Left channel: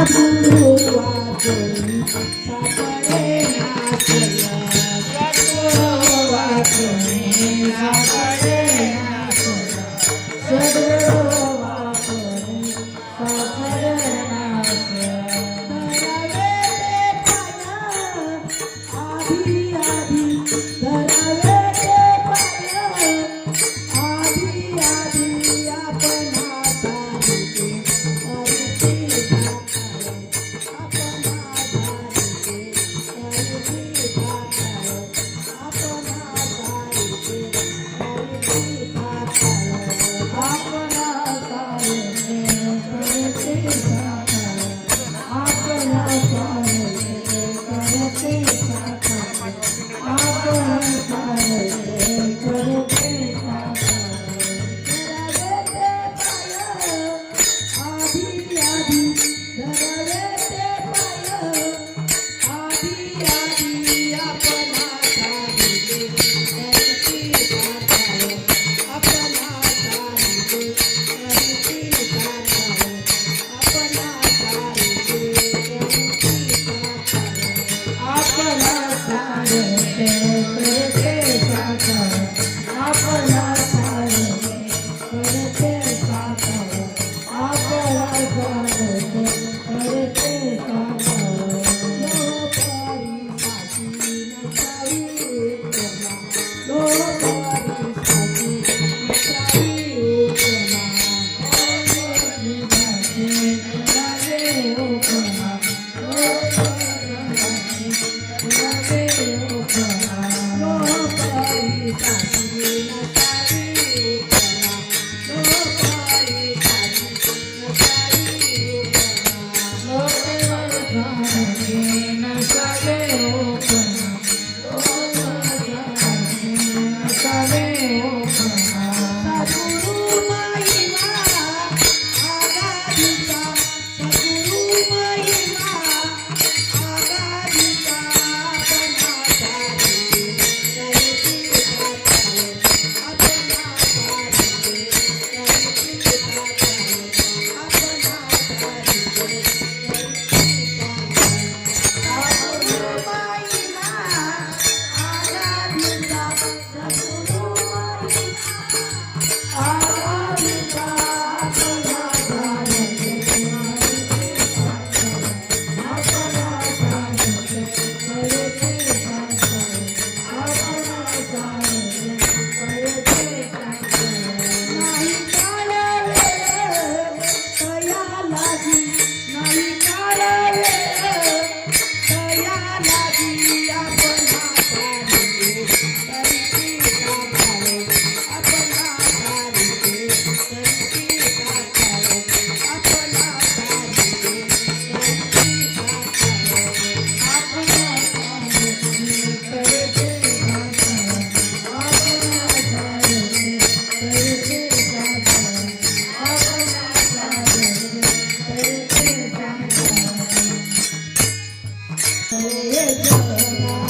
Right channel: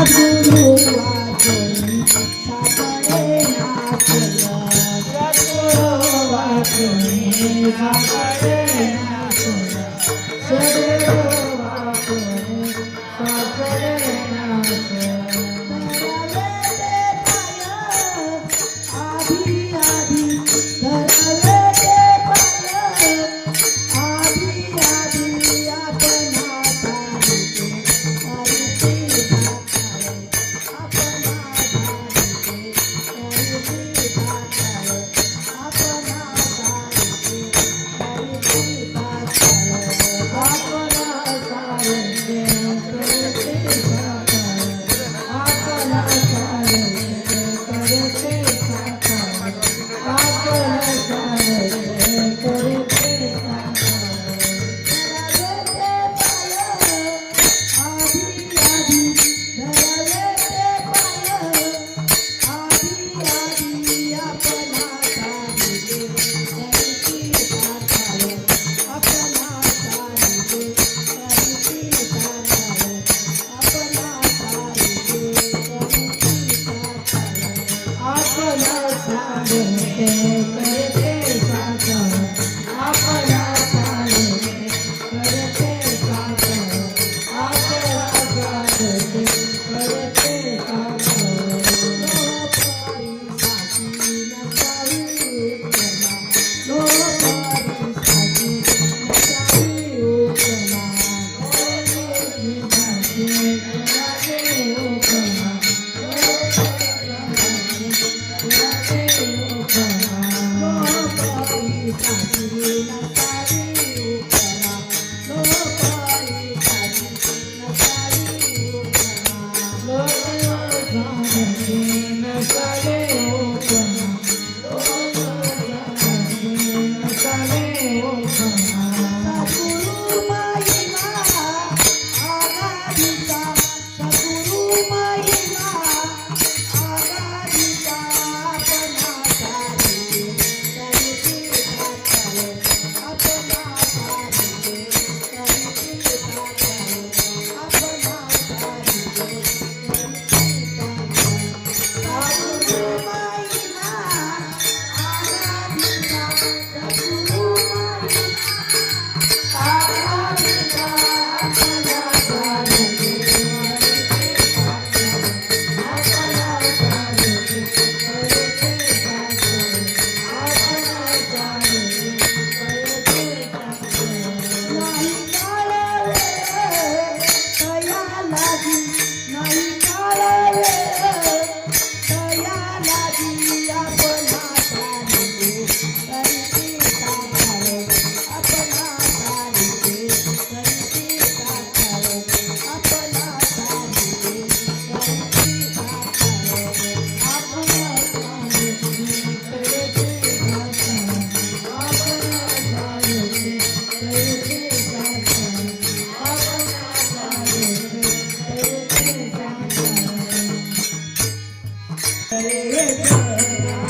I do not know. 예, 이 거, 보 세.